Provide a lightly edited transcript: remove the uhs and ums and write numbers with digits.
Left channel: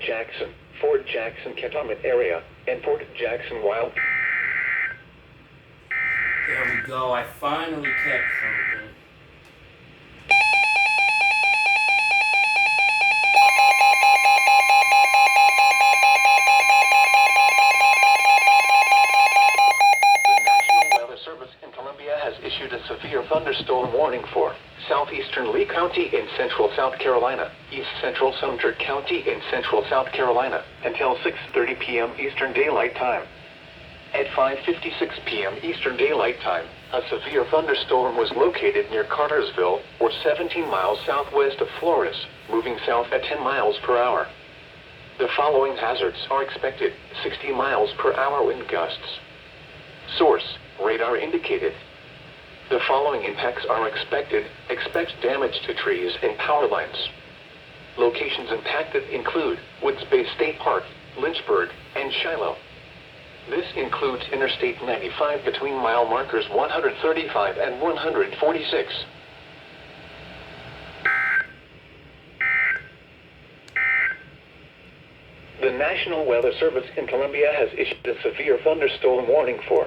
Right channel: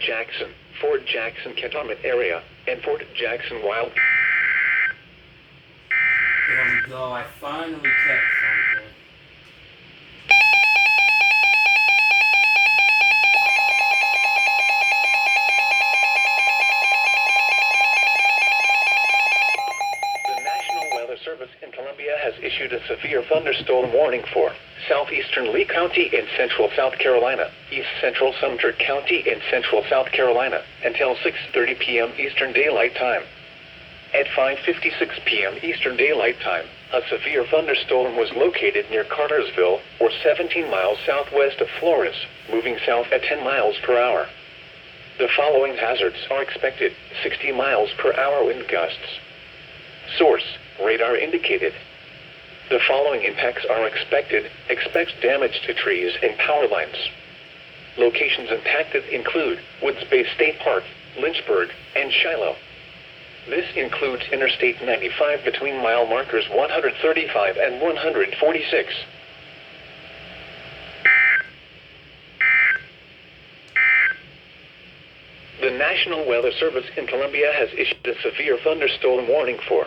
Jackson, Fort Jackson Cantonment area, and Fort Jackson Wild. There we go. I finally kept something. The National Weather Service in Columbia has issued a severe thunderstorm warning for southeastern Lee County in central South Carolina, east central Sumter County in central South Carolina, until 6:30 p.m. Eastern Daylight Time. At 5:56 p.m. Eastern Daylight Time, a severe thunderstorm was located near Cartersville, or 17 miles southwest of Flores, moving south at 10 miles per hour. The following hazards are expected: 60 miles per hour wind gusts. Source: radar indicated. The following impacts are expected. Expect damage to trees and power lines. Locations impacted include Woods Bay State Park, Lynchburg, and Shiloh. This includes Interstate 95 between mile markers 135 and 146. The National Weather Service in Columbia has issued a severe thunderstorm warning for